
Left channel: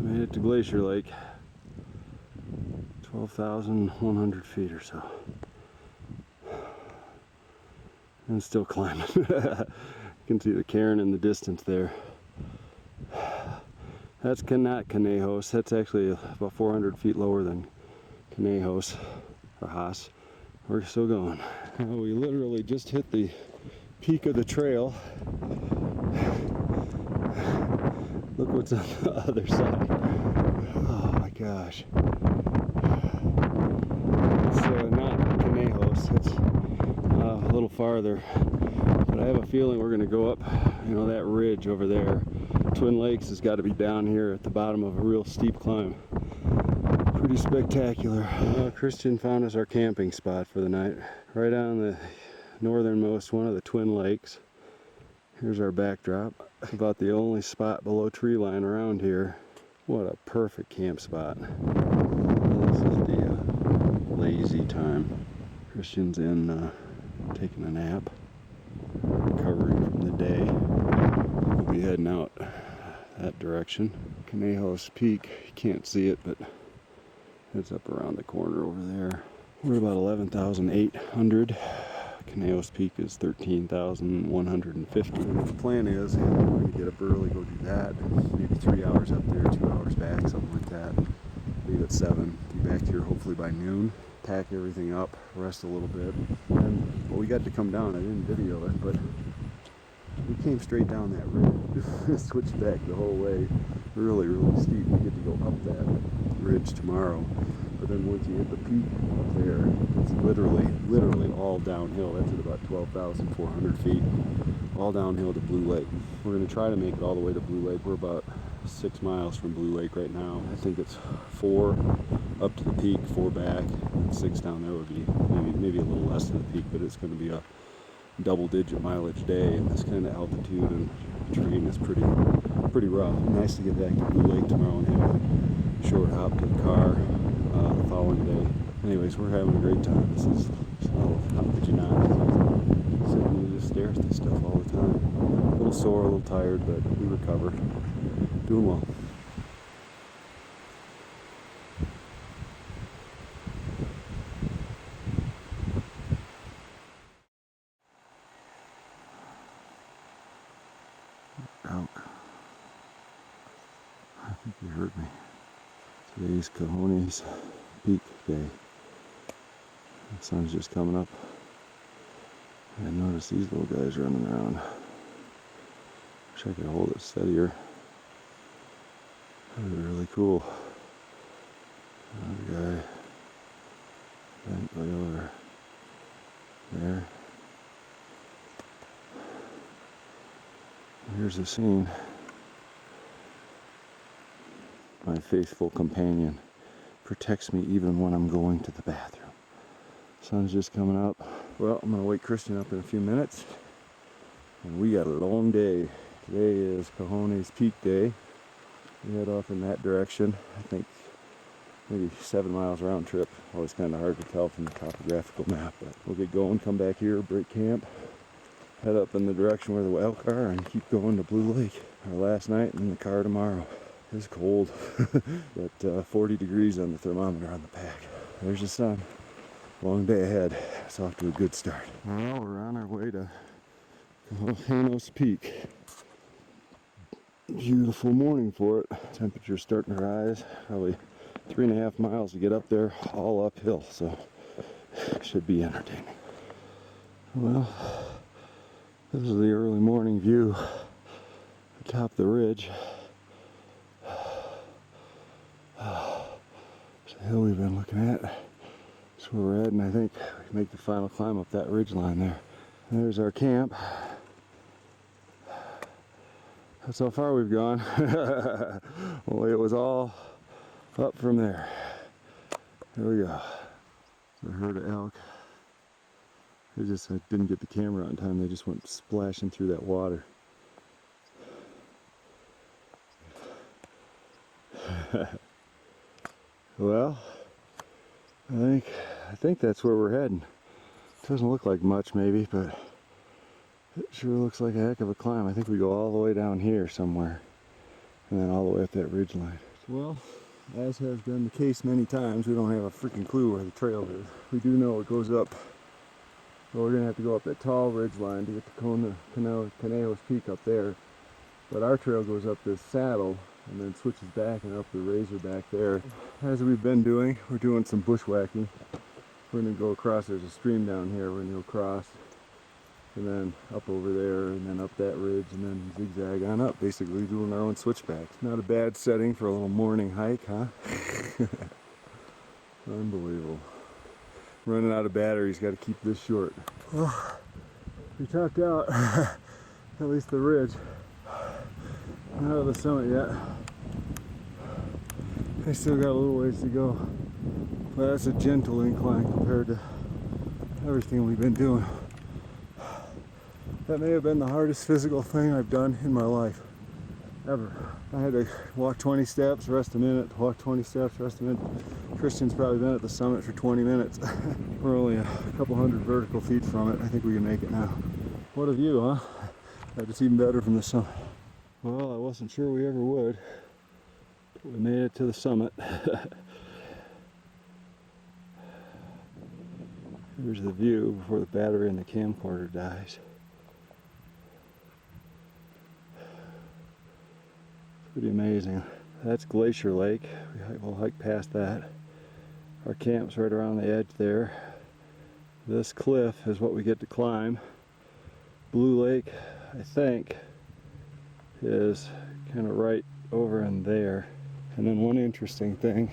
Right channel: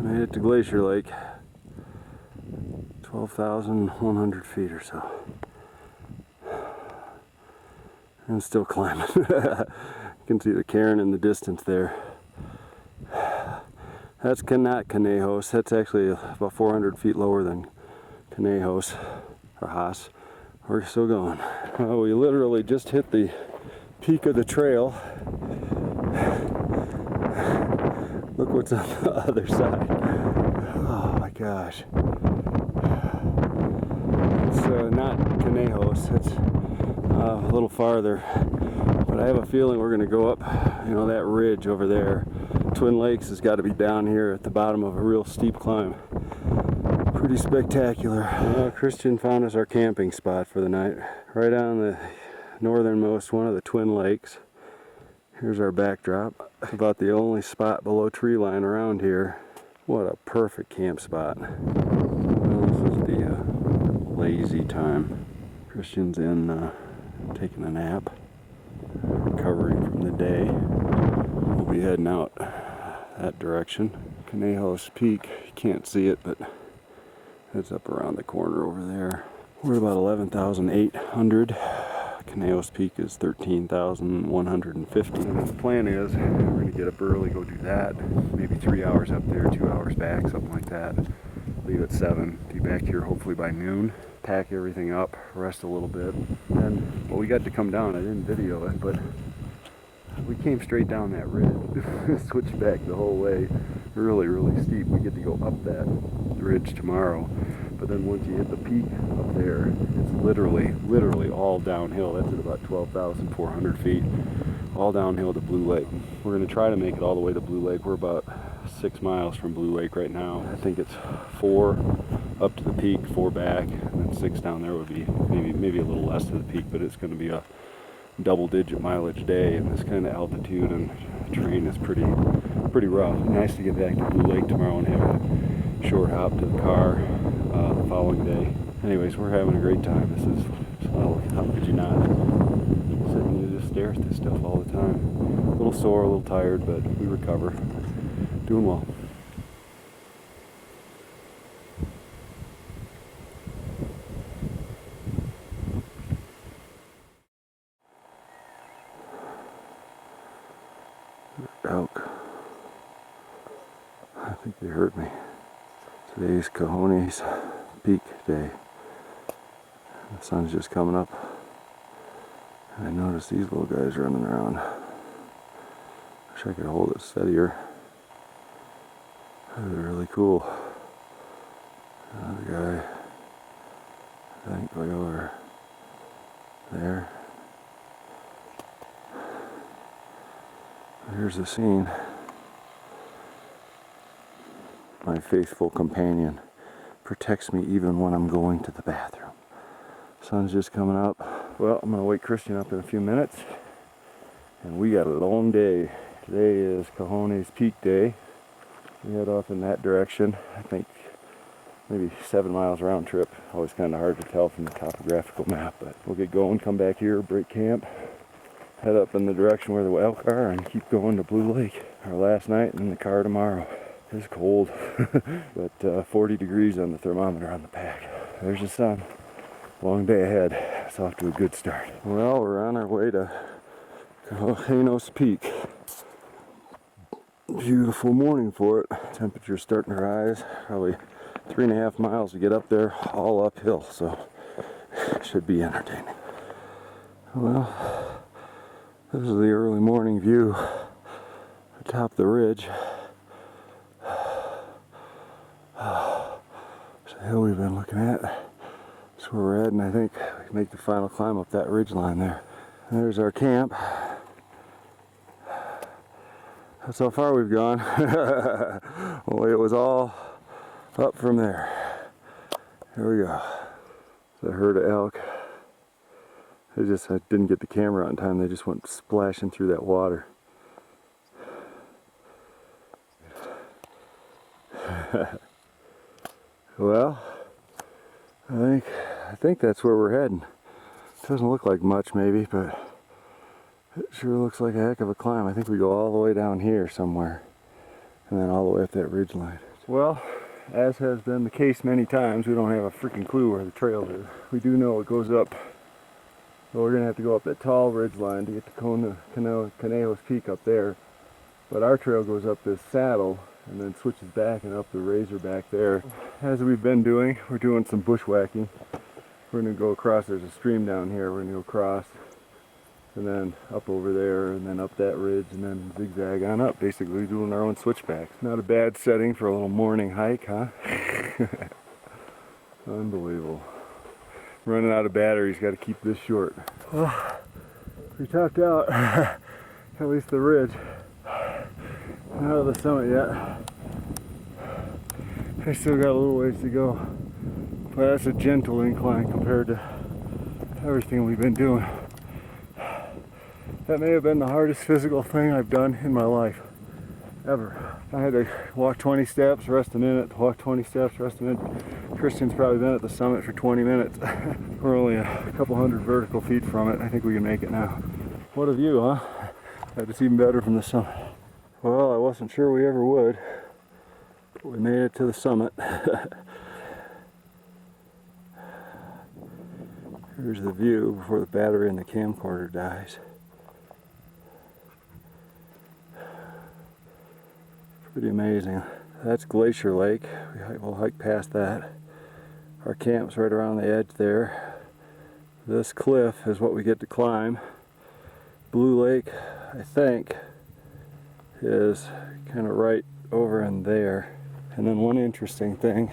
Made it to Glacier Lake, 12,100 feet or so, and still climbing. You can see the cairn in the distance there. That's not Conejos. That's actually about 400 feet lower than Conejos or Haas. We're still going. We literally just hit the peak of the trail. Look what's on the other side. Oh my gosh. It's not Conejos. It's a little farther. But I have a feeling we're going to go up, that ridge over there. Twin Lakes has got to be down here at the bottom of a real steep climb. Pretty spectacular. Well, Christian found us our camping spot for the night. Right on the northernmost one of the Twin Lakes. Here's our backdrop. It's about the only spot below tree line around here. What a perfect camp spot. Well, this is the lazy time. Christian's in taking a nap, recovering from the day. We'll be heading out that direction. Conejos Peak, you can't see it, but it's up around the corner over there. We're about 11,800. Conejos Peak is 13,150. And the plan is we're going to get up early, go do that. Maybe 3 hours up there, 2 hours back, something like that. Leave at 7, be back here hopefully by noon. Pack everything up, rest a little bit. And, well, we got to come down. I didn't video it, but we came straight down that ridge. Switched back the whole way. Really, really steep. We get to go up that ridge tomorrow. But then once you hit the peak up there, it's literally all downhill. That's at about 12,400 feet. All downhill to Blue Lake. We're going to try to make it all the way to Blue Lake. We're about 6 miles from Blue Lake right now. I think it's 4 up to the peak, 4 back, and then 6 down there would be maybe a little less to the peak, but it's going to be a double-digit mileage day, and this kind of altitude and terrain is pretty rough. Nice to get back to Blue Lake tomorrow and have a short hop to the car the following day. Anyways, we're having a great time. This is, oh, how could you not? Sit and you just stare at this stuff all the time. A little sore, a little tired, but we recover. Doing well. Elk. I think they heard me. Today's Conejos Peak day. The sun's just coming up. And I noticed these little guys running around. Wish I could hold it steadier. They're really cool. Another guy, I think, way over there. Here's the scene. My faithful companion protects me even when I'm going to the bathroom. Sun's just coming up. Well, I'm gonna wake Christian up in a few minutes. And we got a long day. Today is Conejos Peak day. We head off in that direction. I think maybe 7 miles round trip. Always kind of hard to tell from the topographical map, but we'll get going, come back here, break camp, head up in the direction where the elk are, and keep going to Blue Lake. Our last night in the car tomorrow. It's cold, but 40 degrees on the thermometer on the pack. There's the sun. Long day ahead. It's off to a good start. Well, we're on our way to Conejos Peak. Beautiful morning for it. Temperature's starting to rise. Probably 3.5 miles to get up there, all uphill, so should be entertaining. Well, this is the early morning view atop the ridge. It's the hill we've been looking at. That's where we're at, and I think we can make the final climb up that ridge line there. And there's our camp. That's how far we've gone. Only it was all up from there. Here we go. It's a herd of elk. I didn't get the camera on time. They just went splashing through that water. Well, I think that's where we're heading. Doesn't look like much maybe, but it sure looks like a heck of a climb. I think we go all the way down here somewhere and then all the way up that ridge line. Well, as has been the case many times, we don't have a freaking clue where the trail is. We do know it goes up. Well, we're gonna have to go up that tall ridge line to get to Conejos Peak up there. But our trail goes up this saddle and then switches back and up the razor back there. As we've been doing, we're doing some bushwhacking. We're gonna go across, there's a stream down here, we're gonna go across and then up over there and then up that ridge and then zigzag on up, basically doing our own switchbacks. Not a bad setting for a little morning hike, huh? Unbelievable. Running out of batteries, got to keep this short. Well, we topped out at least the ridge. Not at the summit yet. I still got a little ways to go, but that's a gentle incline compared to everything we've been doing. That may have been the hardest physical thing I've done in my life, ever. I had to walk 20 steps, rest a minute, walk 20 steps, rest a minute. Christian's probably been at the summit for 20 minutes. We're only a couple hundred vertical feet from it. I think we can make it now. What a view, huh? It's even better from the summit. Well, I wasn't sure we ever would, but we made it to the summit. Here's the view before the battery in the camcorder dies. Pretty amazing. That's Glacier Lake. We'll hike past that. Our camp's right around the edge there. This cliff is what we get to climb. Blue Lake, I think, is kind of right over in there. And then one interesting thing,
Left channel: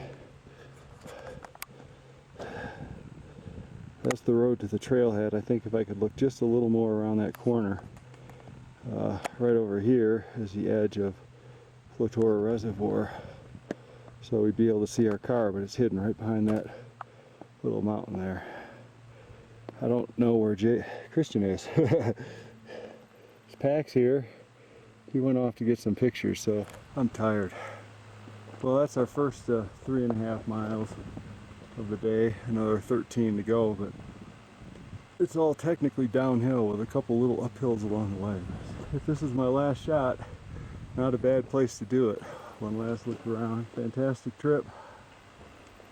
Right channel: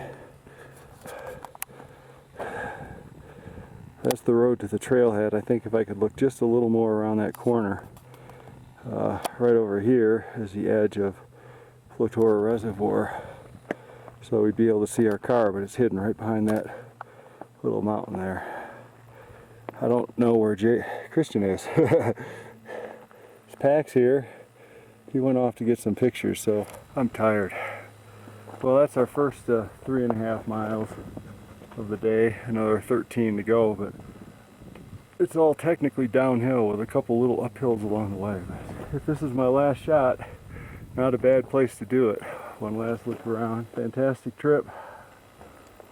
that's the road to the trailhead. I think if I could look just a little more around that corner, right over here is the edge of Flotora Reservoir. So we'd be able to see our car, but it's hidden right behind that little mountain there. I don't know where Christian is. His pack's here. He went off to get some pictures, so I'm tired. Well, that's our first 3.5 miles of the day. Another 13 to go, but it's all technically downhill with a couple little uphills along the way. If this is my last shot, not a bad place to do it. One last look around. Fantastic trip.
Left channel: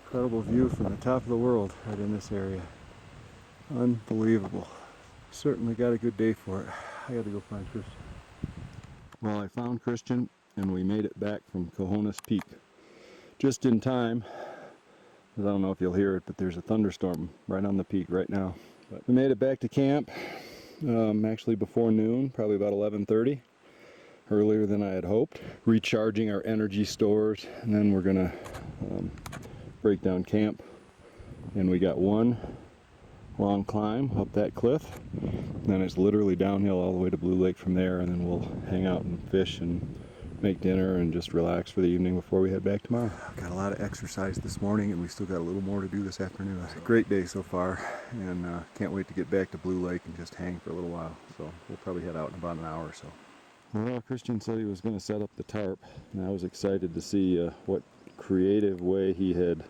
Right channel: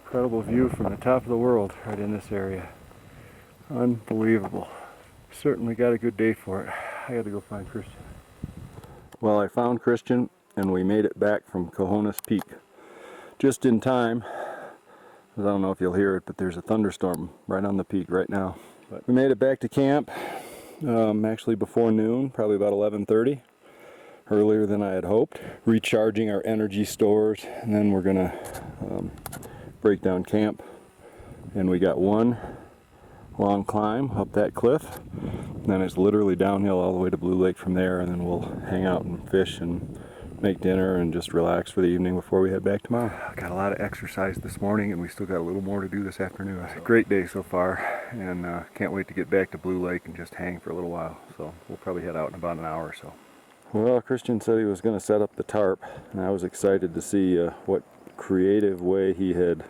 Incredible view from the top of the world right in this area. Unbelievable. Certainly got a good day for it. I gotta go find Christian. Well, I found Christian and we made it back from Conejos Peak. Just in time. I don't know if you'll hear it, but there's a thunderstorm right on the peak right now. But we made it back to camp actually before noon, probably about 11:30. Earlier than I had hoped. Recharging our energy stores, and then we're gonna break down camp. And we got one long climb up that cliff, and then it's literally downhill all the way to Blue Lake from there, and then we'll hang out and fish and make dinner and just relax for the evening before we head back tomorrow. Got a lot of exercise this morning, and we still got a little more to do this afternoon. Great day so far, and can't wait to get back to Blue Lake and just hang for a little while. So we'll probably head out in about an hour or so. Well, Christian said he was going to set up the tarp, and I was excited to see what creative way he had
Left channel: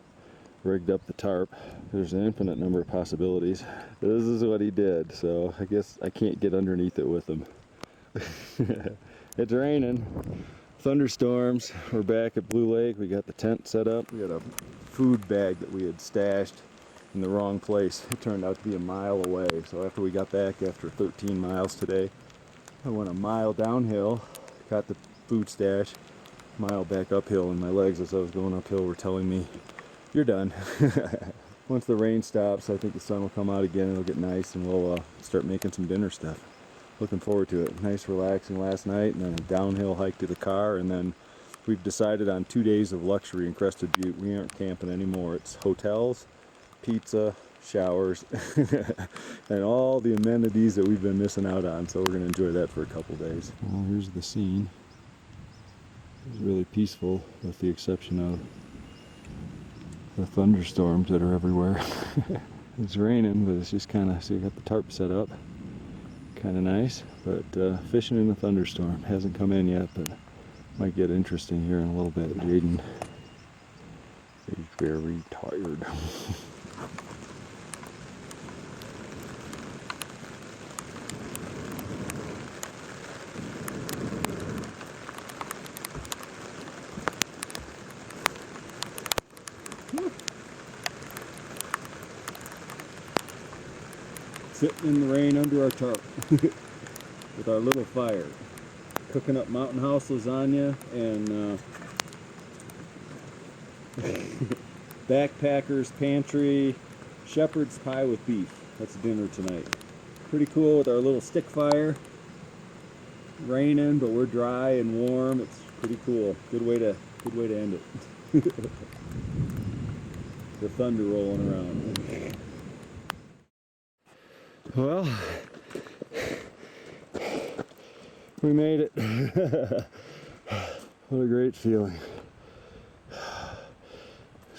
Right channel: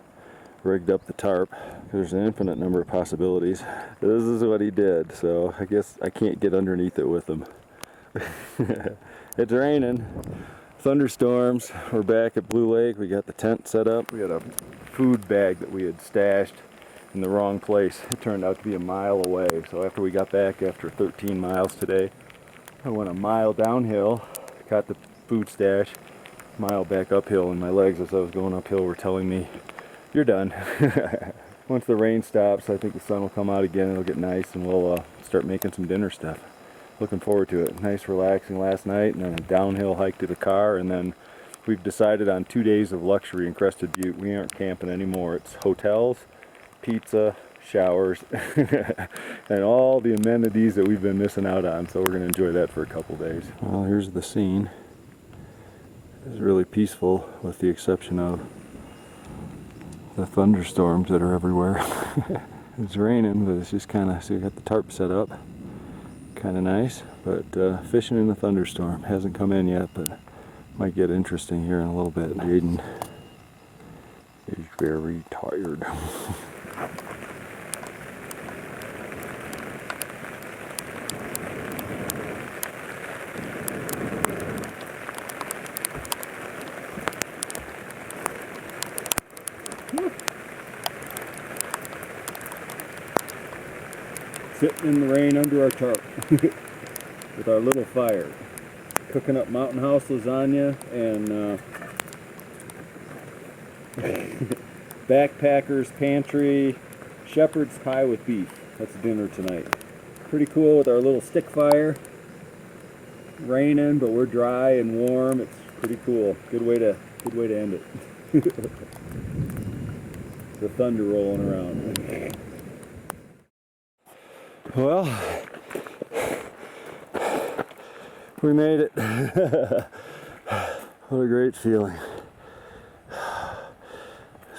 rigged up the tarp. There's an infinite number of possibilities. This is what he did, so I guess I can't get underneath it with him. It's raining, thunderstorms. We're back at Blue Lake. We got the tent set up. We had a food bag that we had stashed in the wrong place. It turned out to be a mile away, so after we got back after 13 miles today, I went a mile downhill, got the food stash, mile back uphill, and my legs as I was going uphill were telling me, you're done. Once the rain stops, I think the sun will come out again, it'll get nice, and we'll start making some dinner stuff. Looking forward to it. Nice relaxing last night, and then a downhill hike to the car, and then we've decided on 2 days of luxury in Crested Butte. We aren't camping anymore. It's hotels, pizza, showers, and all the amenities that we've been missing out on, so we're going to enjoy that for a couple days. Well, here's the scene. It's really peaceful with the exception of the thunderstorms that are everywhere. It's raining, but it's just kind of, so we got the tarp set up, kind of nice, but fishing in a thunderstorm hasn't come in yet, but might get interesting here in a little bit. Jaden is very tired. Sitting in the rain under our tarp with our little fire, cooking up Mountain House lasagna and Backpackers Pantry shepherd's pie with beef. That's dinner tonight. Pretty cool with our little stick fire. Raining, but we're dry and warm. It's pretty cool. Good way to end it. The thunder rolling around. Well, we made it. What a great feeling.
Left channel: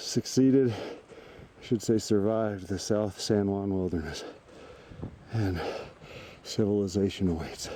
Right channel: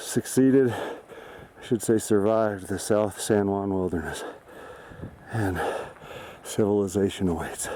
succeeded, I should say survived, the South San Juan Wilderness. And civilization awaits.